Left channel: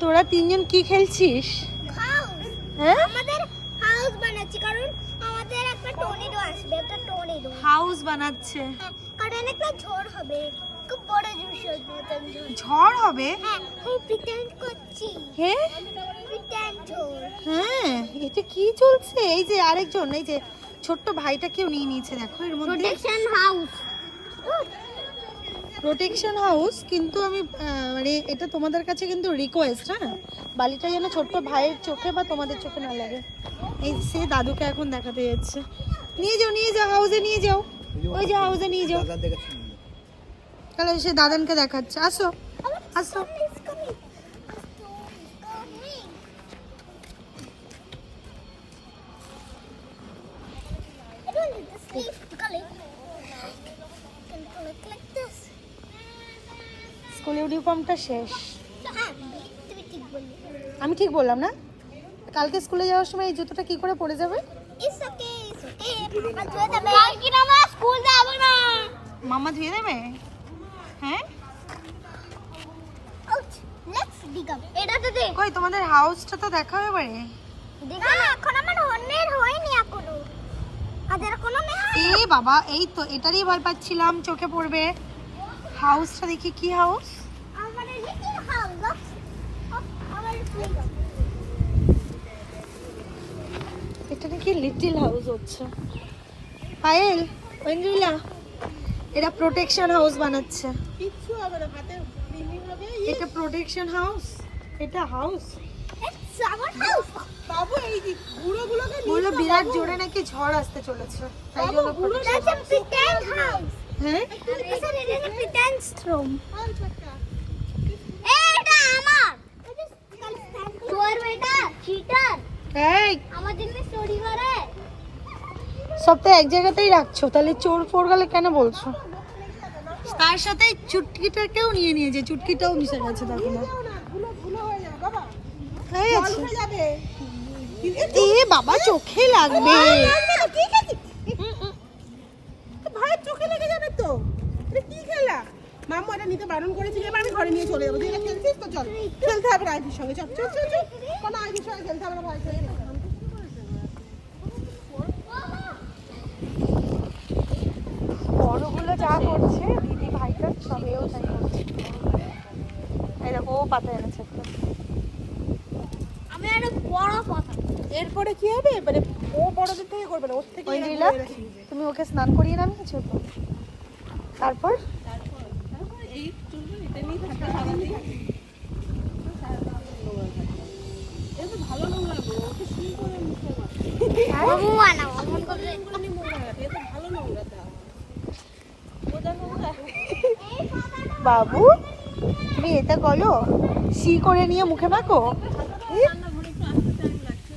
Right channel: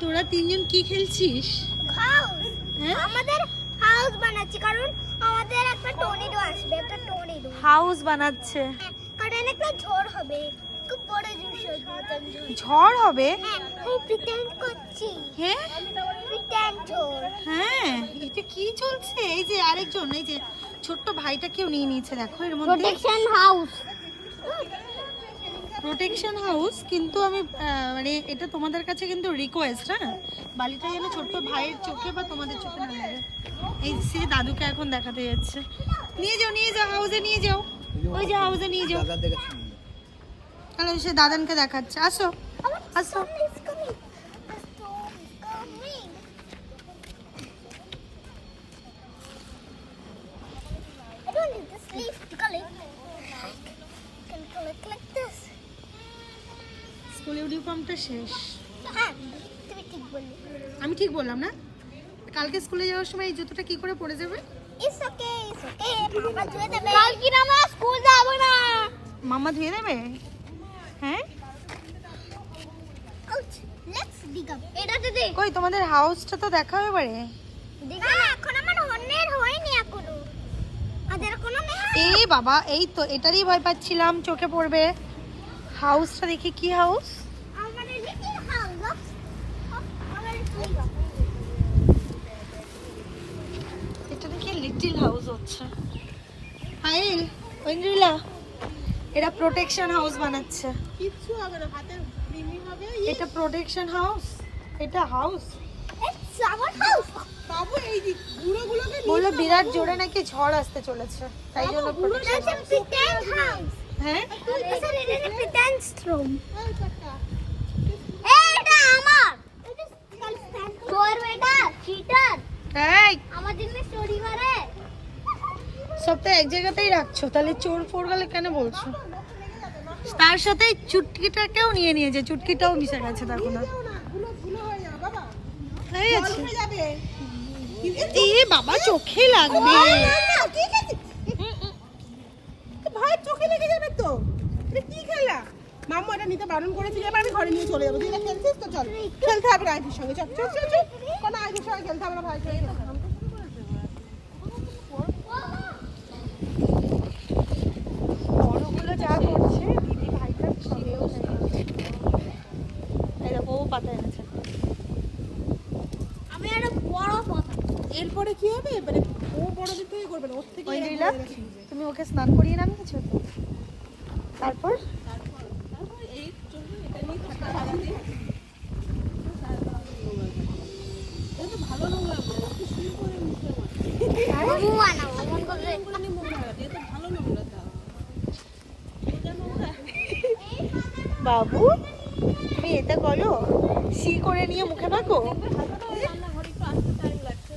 তোরা তিনজন কি খেলছিস? হাউস হ্যাঁ? আমাদের হাউস বানাচ্ছি কারণ আমাদের একটা টর্নেডো আসবে একটা টর্নেডো হাউস বানাচ্ছে। কারণ একটা ঝড় হবে খুব বড় ঝড় হবে? হ্যাঁ আমি প্রিটেন্ড করছি। হ্যাঁ প্রিটেন্ড ঝড়। হ্যাঁ এটা কি চলছে? এই যে আরেকজন এই যে ছোট্ট ভাইটা কেউ নিয়ে নিয়েছে দেখো এর মধ্যে। প্রোটেকশন হাউস প্রোটেকশন হাউস কিন্তু আমি মানে এটা তোমাদের কাছে কিন্তু রিকোয়েস্ট হ্যাঁ? বালিটা যেন ছোট্ট ভাইয়ের চোখে বা তোমাদের চোখে না লাগে। এই সে দাদুকে এখন দেখাতে যাচ্ছে। নিয়ে যাও নিয়ে যাও হাউসে নিয়ে যাও। ওই যে হাউসে নিয়ে যাও। তাহলে সে দাদানকে দেখাচ্ছে। আসো আসো। স্কুল ইউনিফর্মটা শেষ। হ্যাঁ আমি ঠিক বললাম না? কালকে স্কুলে যাওয়ার সময় এই জুতোটা কি করে পরে যাবে? মামা ধুয়ে দেবে। হ্যাঁ? কই তোমাদের হাউসটা তো দেখা এবারে এখন আমার অন্যের হয়নি এখনও। এই বাবা এই তো এটারই ভয় পাচ্ছিলাম চোখে পড়বে। হাউসটা দেখি কি হাউস এটা নাকি লিটিল হাউস হচ্ছে? পায়েল ঐন্দ্রিলা এরা প্রোটেকশন হাউস বানাচ্ছে। কিচ্ছু হবে না হাতে হবে এটা প্রোটেকশন হাউস এটা হাউস বলল বিরাট জোরে নাকি ঝড় আসতে চলেছে তাই জন্য হ্যাঁ? তোর বেটা চিটার এই। আমার জন্য স্টোরি মারে সব তো এক জায়গাতেই রাখছো তাহলে চোর ফোর গেলে কেন বলছো? তার সাথে চুটকিটাকেও নিয়ে নিয়েছে চুটকিটাও মিশে গেছে দেখো না। হয়ে বাবা গেছে এ বাবা চোখে লাগবে। ভাইয়ের চোখে লেগে যাবে তো। কি মাম্মা এটা নিতে বারণ করেছিল এবার আমি ঘরে নিয়ে চলে যাব। তুই এটা খেলছিস তো? চল। খেলতে হবে আইফির সঙ্গে। চল চল চল চল। কোনো আইফির সঙ্গে খেলতে হবে না ভাই। বড়গুলো যা করছে দিদি ভাইটার সঙ্গেও পাতায় আছে আমি একটা। বড় কথা এরপরে কি হবে? মানে ও বড়দের থেকে করবে না ওর থেকে তুমি ওকে স্নান করিয়ে নামিয়েছো তো তারপর বাবু তুমি এটা বলো? সি করে নিয়ে মুখে মাখো রান্নাঘরে একটু আসতে টাইম লাগছে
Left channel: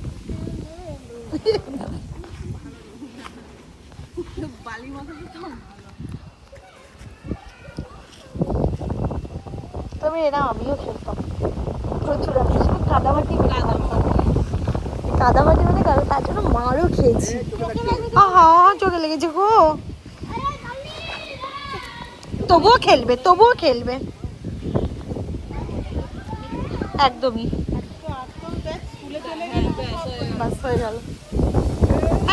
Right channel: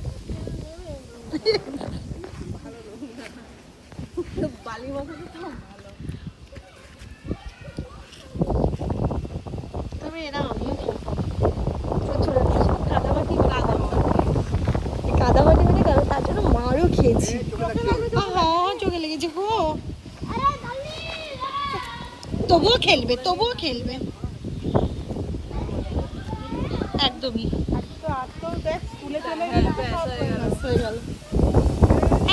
বালি মতো তো তবে এরা আমিও খেলতাম প্রচুর আমি কাদামাটি কাদামাটি মানে কাদা তার জন্য মারও খেয়েছি চোখে লেগেছে গো তবুও খেলবে তবুও খেলবে একদমই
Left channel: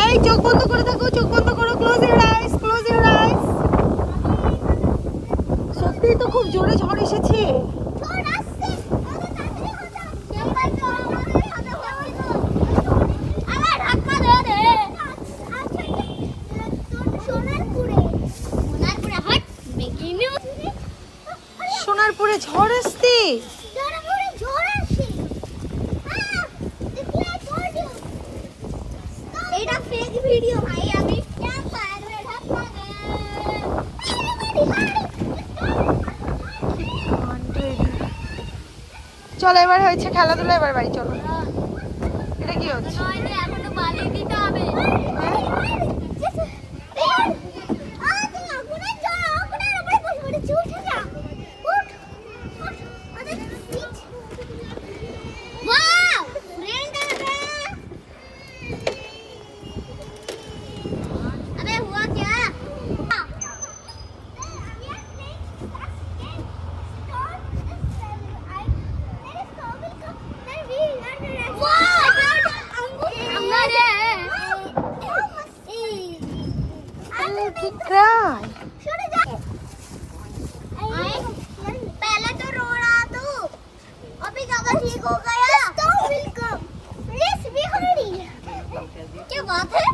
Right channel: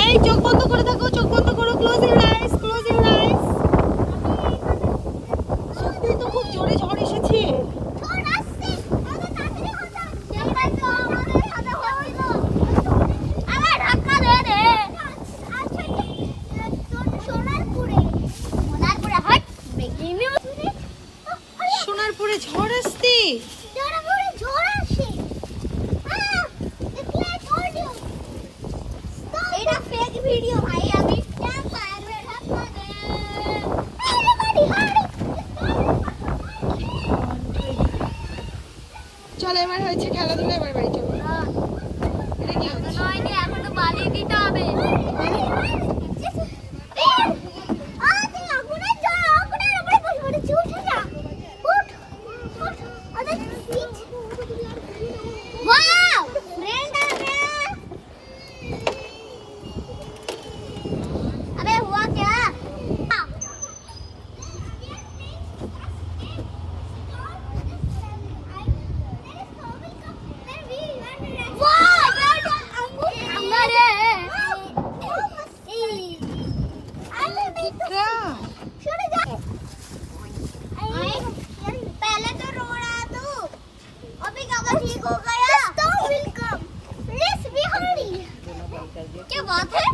এই চোখ বন্ধ করে দেখো, চোখ বন্ধ করো close your eyes close your eyes সত্যিই তো খুব জোরে ঝড় এসেছে তোর আসছে আরে তাড়াতাড়ি হটা দেখাই তো আমাদের হাতে হইল আমার ধাক্কা দে রে আচ্ছা তোর সোনারপুরে ঝড় আসতে সোনারপুরে চলো এবার হয়েছে খেলাধুলা এবার বাড়ি চলো। এটা কি হচ্ছে? দিতে হবে। क्या बात है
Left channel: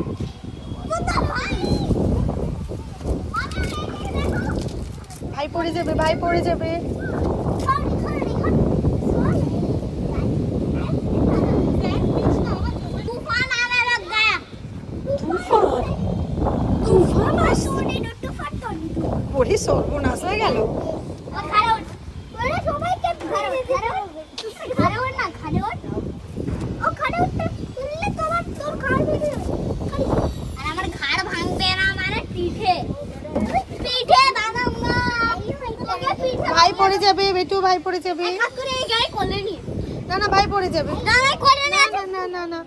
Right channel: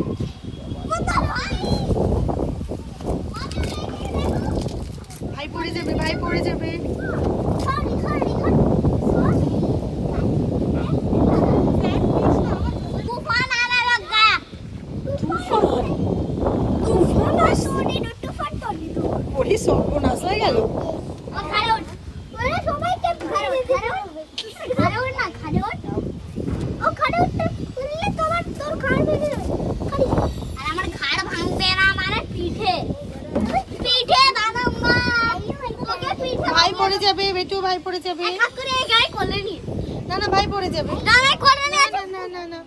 ভাই পড়ে যাবে ভাই পড়ে যাবে। পড়ে যাবে বেটু ভাই পড়ে যাবে নি না ভাই পড়ে যাবে নি না না না না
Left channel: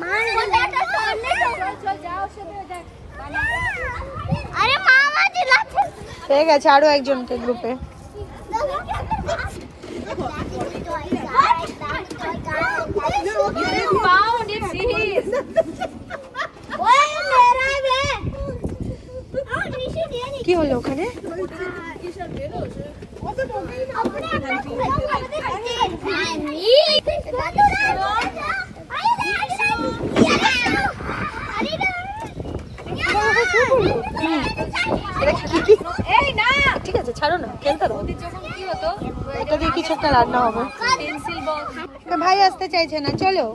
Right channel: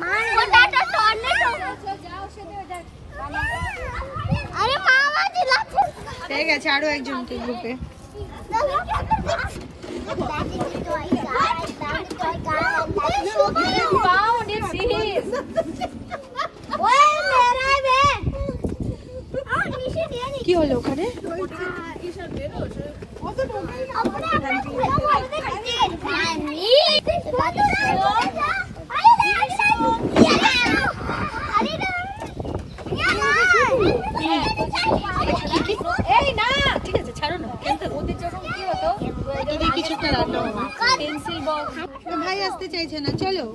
মান গোটাটা তোড়লে তো যাও সেটা যাক আরে মামা চিল্লাচ্ছে পেয়ে গেছে আরও একজনকে গ্রুপে কি হলো ওখানে ঠিক আছে ছাড়ো না কিছু ভাই আসতে চাইছে না চলো।